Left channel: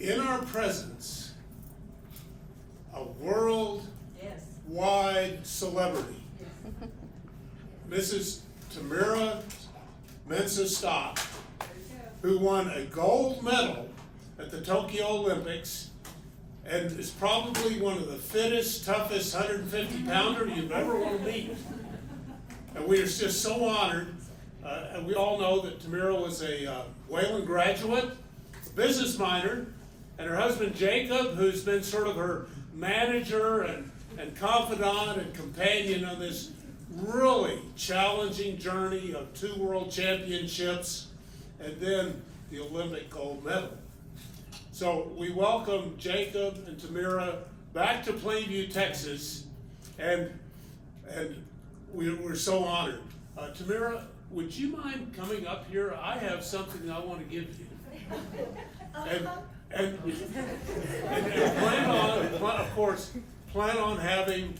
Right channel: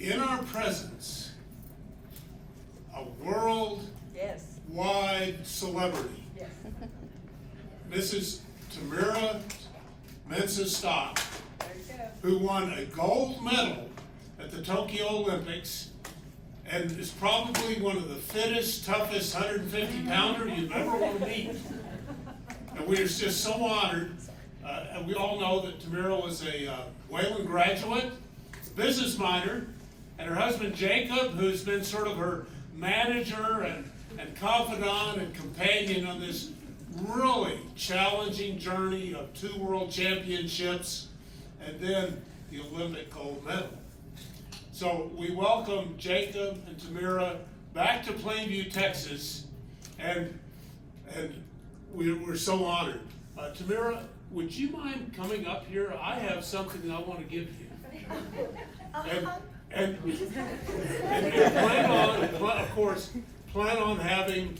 in our presence a worldwide celebrity. Yes. Mrs. Tamyra Mensah, There you go. who won a gold medal at the Tokyo Olympics and is probably one of the fittest, toughest 150-pounder you've ever want to meet. And we are just so honored. And we all know that Tamyra was a Wayland graduate, a business minor, and her husband Jacob, who's been sort of her manager and confidant and companion on this really challenging journey of 2 world championships and then the Olympic gold medal. So we welcome Jacob and Tamyra back to Plainview, Texas, and we're so honored. Tamyra, would you mind coming up here? I have something I want to give you. And plan on, of course, plan on having,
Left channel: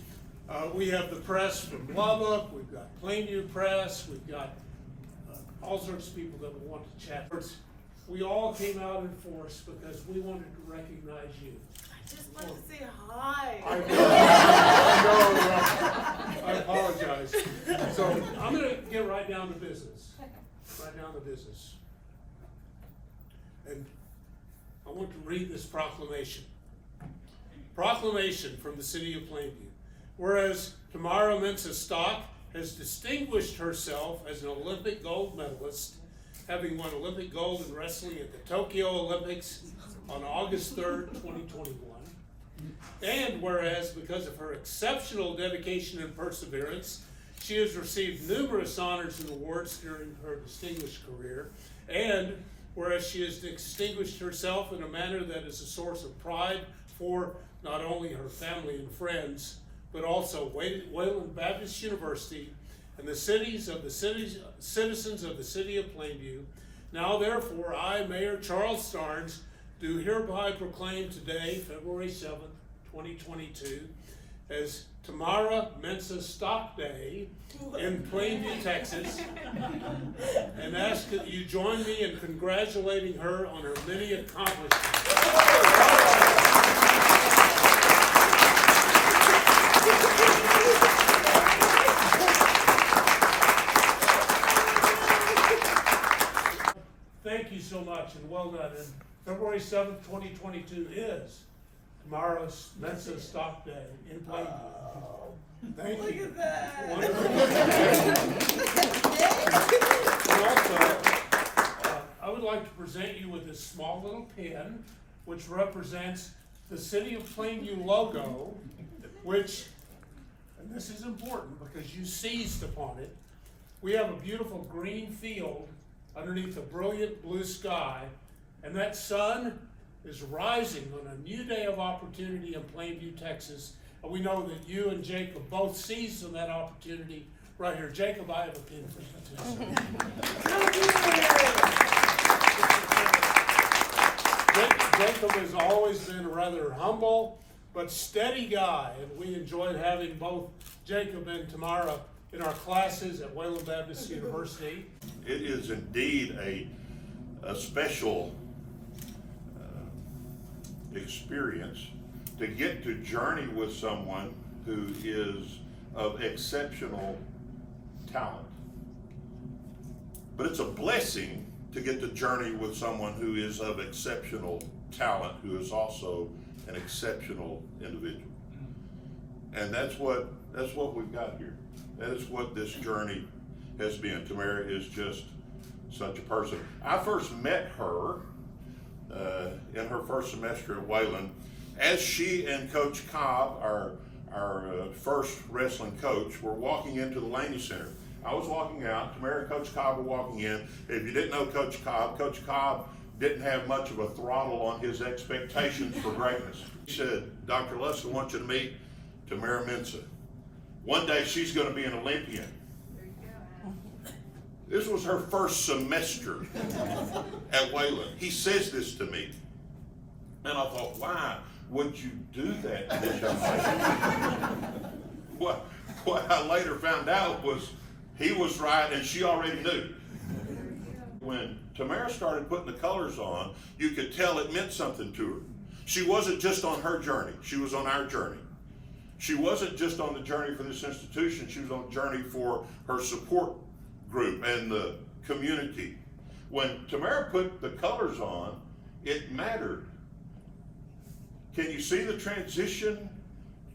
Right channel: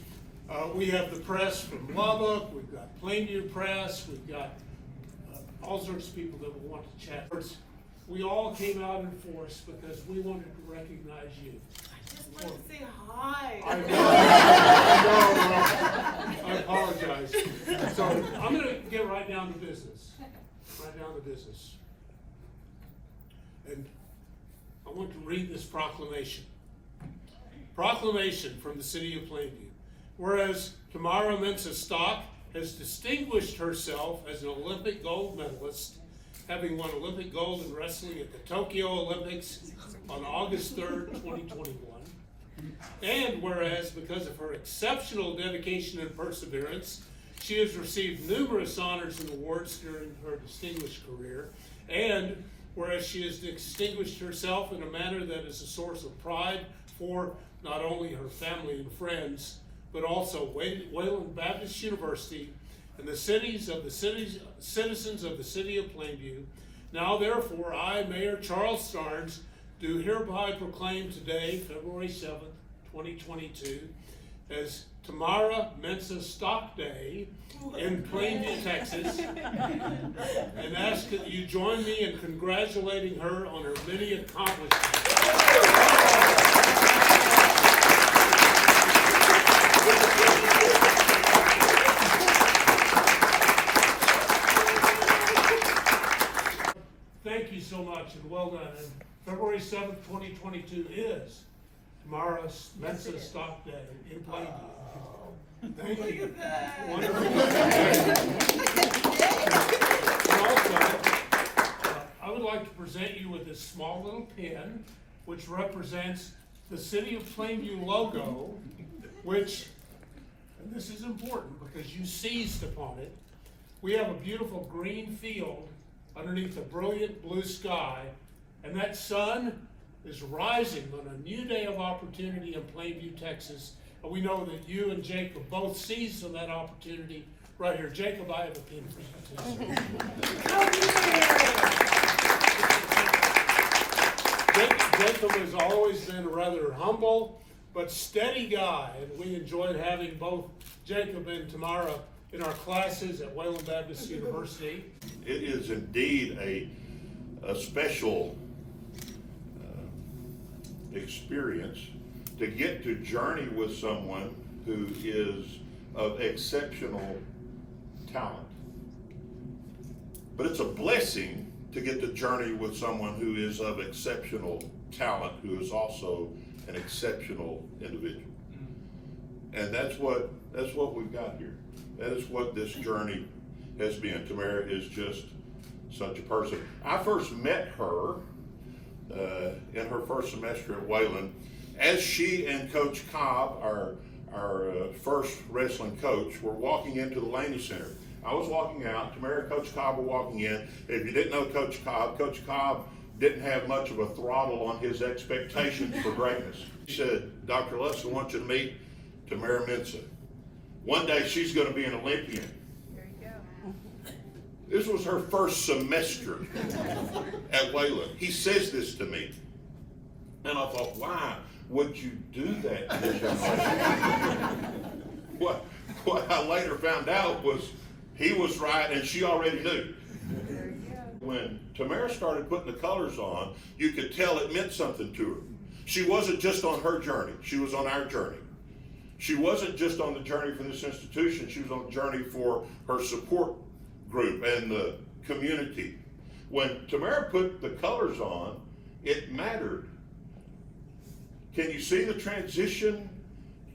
we have the press from Lubbock, we've got Plainview Press, we've got all sorts of people that will want to chat. We all came out in force because we wanted to recognize you. I just want to say hi. I know, I apologize. So I'm going to get right down to business. And I want to read this proclamation. Proclamation from the city of Plainview. Whereas Tamyra Mensah has distinguished herself as an Olympic gold medalist, having won Olympic gold in wrestling at the Tokyo Olympics on August 3rd, 2021. And whereas because of her exceptional dedication and perseverance, she has received numerous honors and awards during her distinguished career. And whereas she has distinguished herself in a manner that is a source of pride for not only her family and friends, but also Wayland Baptist University and the citizens of the city of Plainview. Now therefore, I, Mayor Charles Starnes, do hereby proclaim today, February 7th, 2022, as Tamyra Mensah Stock Day in Plainview, Texas, and ask that you join me in congratulating her on her many accomplishments. Thank you so much and well done. And February 7th, 2022 is Tamyra Mensah Stock Day in Plainview. Thank you. Look at that. And also, I would like to present you with this small little pin, which represents the City of Plainview logo, which, and this is important because you seized upon it, we have a beautiful green field underneath a brilliant blue sky, and that sun is rising on a new day of opportunity in Plainview, Texas. And we know that you and Jacob both seized on that opportunity right here. Jacob, I have a pin for you. Jacob has always been a rather humble but steady guy, and we enjoyed having both Jacob and Tamyra in our classes at Wayland Baptist University. It is indeed a special experience to get to journey with someone who is of exceptional talent. But it's a blessing to get to journey with someone who is of exceptional talent, who is also an exceptional individual. And that's what we've got here. That is what this journey has been. Tamyra is just such a person. I first met her in her first semester at Wayland, as she and Coach Cobb, our first wrestling coach, were walking into the Laney Center. I was walking out, Tamyra and Coach Cobb were walking in. If you didn't know Coach Cobb didn't have much of a throttle on his expectations for greatness. He said, Dr. Luss, I want you to meet Tamyra Mensah. One day she's going to be an Olympian. There you go. This was her first semester at Wayland. He says this to me. And I thought, why would you do that to this young lady? What I later found out was he was right and she already knew. There you go. When Tamyra started putting the colors on, you could tell it meant something to her. She wasn't just on her journey, she was on our journey. She wasn't just on the journey for this institution, she was on the journey for her support group and the community. When Tamyra put the colors on, it mattered. Can you see the transition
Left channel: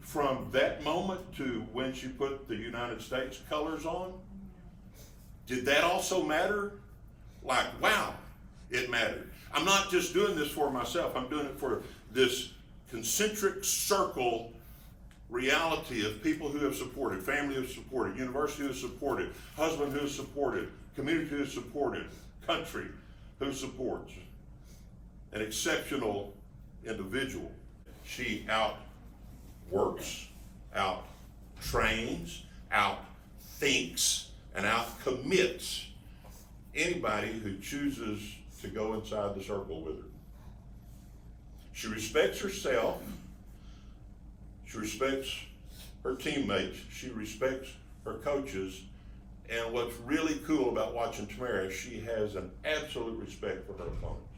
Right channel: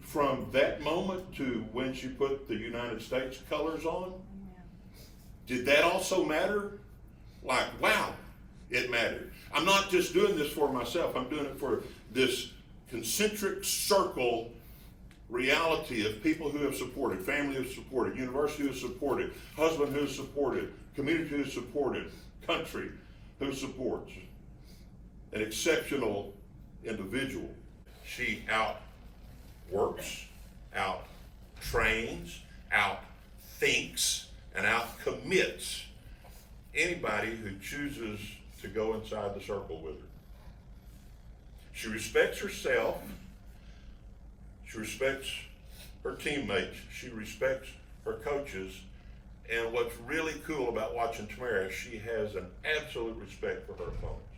from that moment to when she put the United States colors on? Did that also matter? Like, wow, it mattered. I'm not just doing this for myself, I'm doing it for this concentric circle reality of people who have supported, family who has supported, university who has supported, husband who has supported, community who has supported, country who supports. An exceptional individual. She outworks, out-trains, out-thinks, and out-commits anybody who chooses to go inside the circle with her. She respects herself, she respects her teammates, she respects her coaches, and what's really cool about watching Tamyra, she has an absolute respect for her opponents.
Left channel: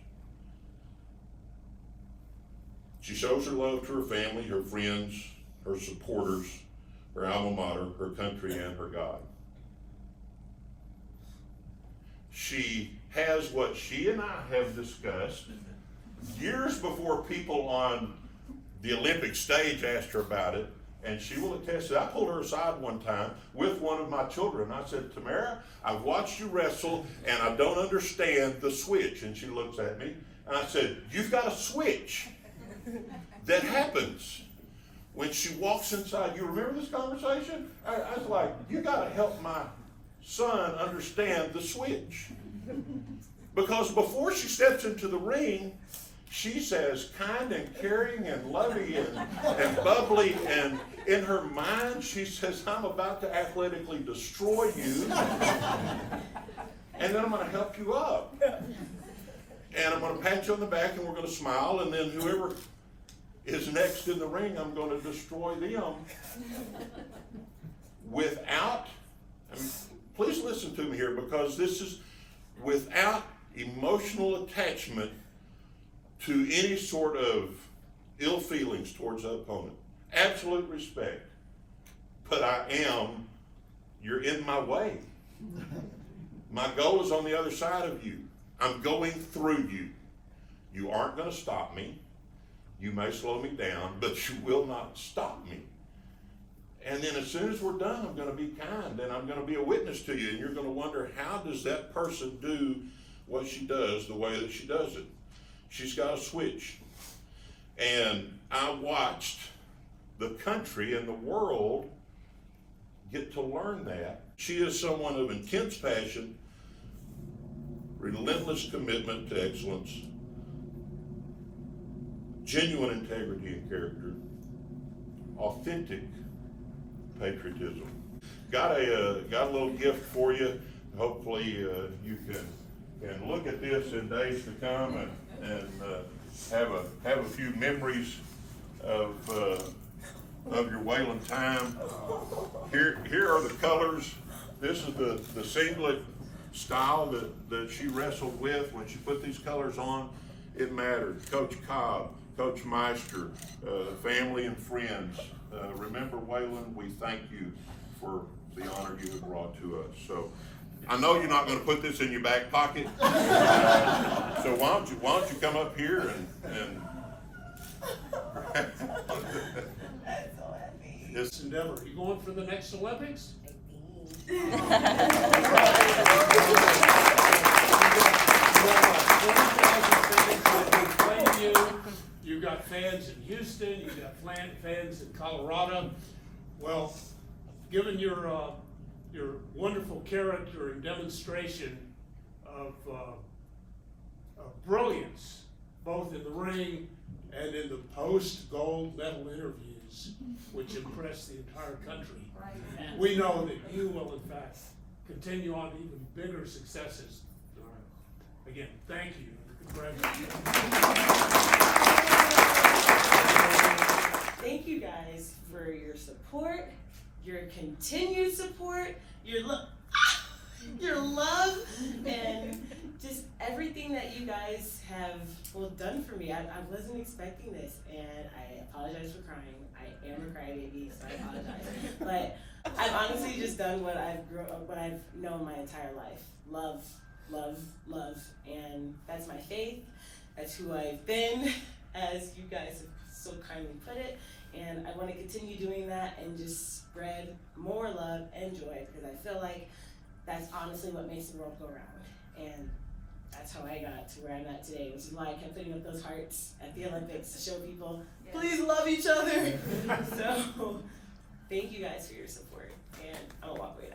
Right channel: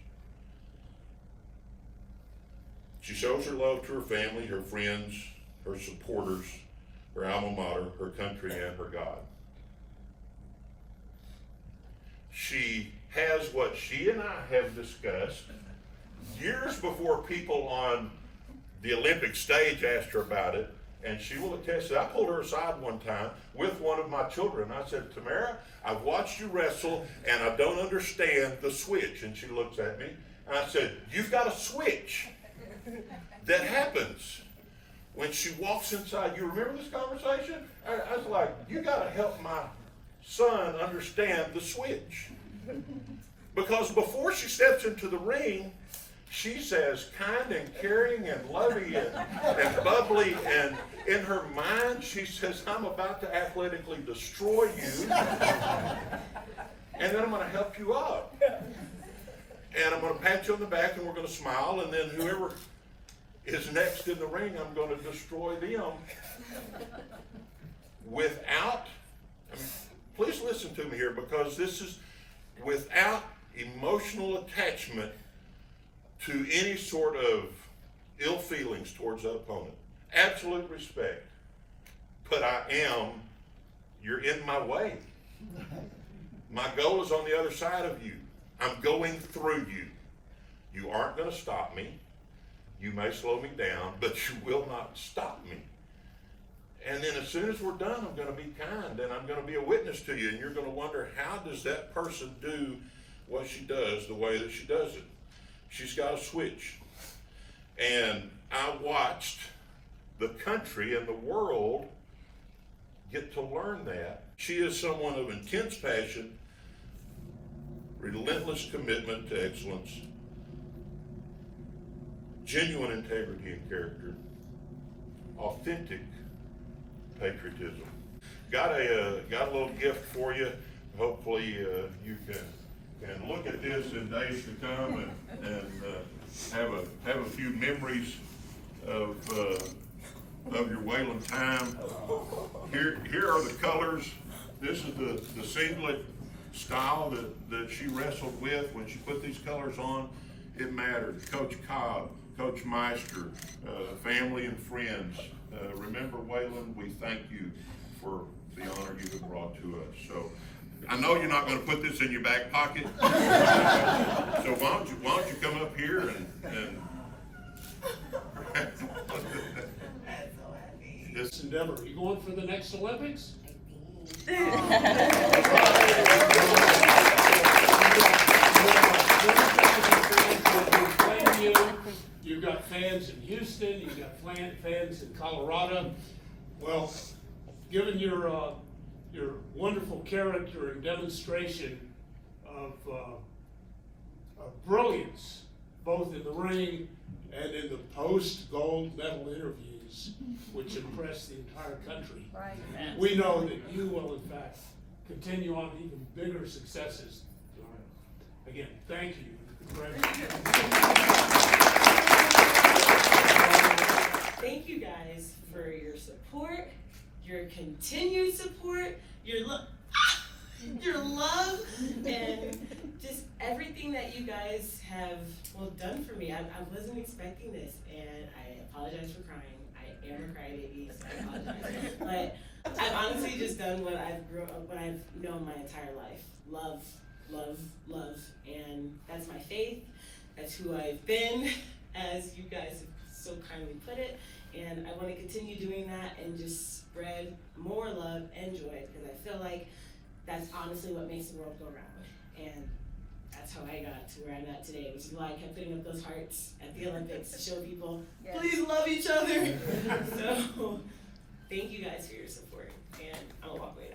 She shows her love to her family, her friends, her supporters, her alma mater, her country, and her God. She has what she and I have discussed years before people on the Olympic stage asked her about it, and she will attest that. I pulled her aside one time with one of my children. I said, Tamyra, I've watched you wrestle, and I don't understand the switch. And she looks at me, and I said, you've got a switch that happens when she walks inside. You remember this conversation? I was like, you got to help my son understand the switch. Because before she steps into the ring, she's as kind and caring and loving and bubbly, and in her mind she says, I'm about to athletically destroy you, and then I'm going to help you up. And I'm going to pat you on the back, and we're going to smile, and then whoever is next in the ring, I'm going to destroy them. Without, please listen to me here, because this is without emotional attachment to any sort of ill feelings towards that opponent. Absolute respect. But you're in my way. My goal is on the other side of you. I'm going through you. You aren't going to stop me. You may slow me down, but you will not stop me. And then as soon as we're done, I'm going to be kind, and I'm going to be a witness to you, and you're going to wonder, how does that person do what she does the way that she does it? She's got a switch. And I watched the country and the world get to learn that. She is someone of intense passion, relentless commitment to excellence, genuine integrity and character, authentic patriotism. Got a little gift for you. Hopefully you can look at this in days to come and have a few memories of your Wayland time. Here are the colors. This is the singlet style that she wrestled with. When she put these colors on, it mattered. Coach Cobb, Coach Meister, family and friends. Remember, Wayland, we thank you for the honor you have brought to us. So I know you're not going to put this in your back pocket. So why don't you come up here and That's so happy. This endeavor. Are you going for the next Olympics? You've got fans in Houston, you've got fans in Colorado. Well, given your wonderful character and demonstration of brilliance, both in the ring and in the post-gold medal interviews, which impressed the entire country, Right. we know that you will, in fact, continue on to even bigger successes. Again, thank you. Thank you guys for your support, your continued support, your love, and well done for me. I wasn't expecting this, and I apologize for crying. I am a crybaby, so I apologize. But I've honestly just done what I've known my entire life. Love, love, love, and that's my faith. That's who I've been, as you guys have so kindly put it. And I want to continue doing that and just spread more love and joy, because I feel like that's honestly what makes the world go round. And that's how I got to where I'm at today, which is why I kept putting up those hearts at the Olympics to show people, Yes. please love each other. So, thank you guys for your support, and I'm gonna walk away now.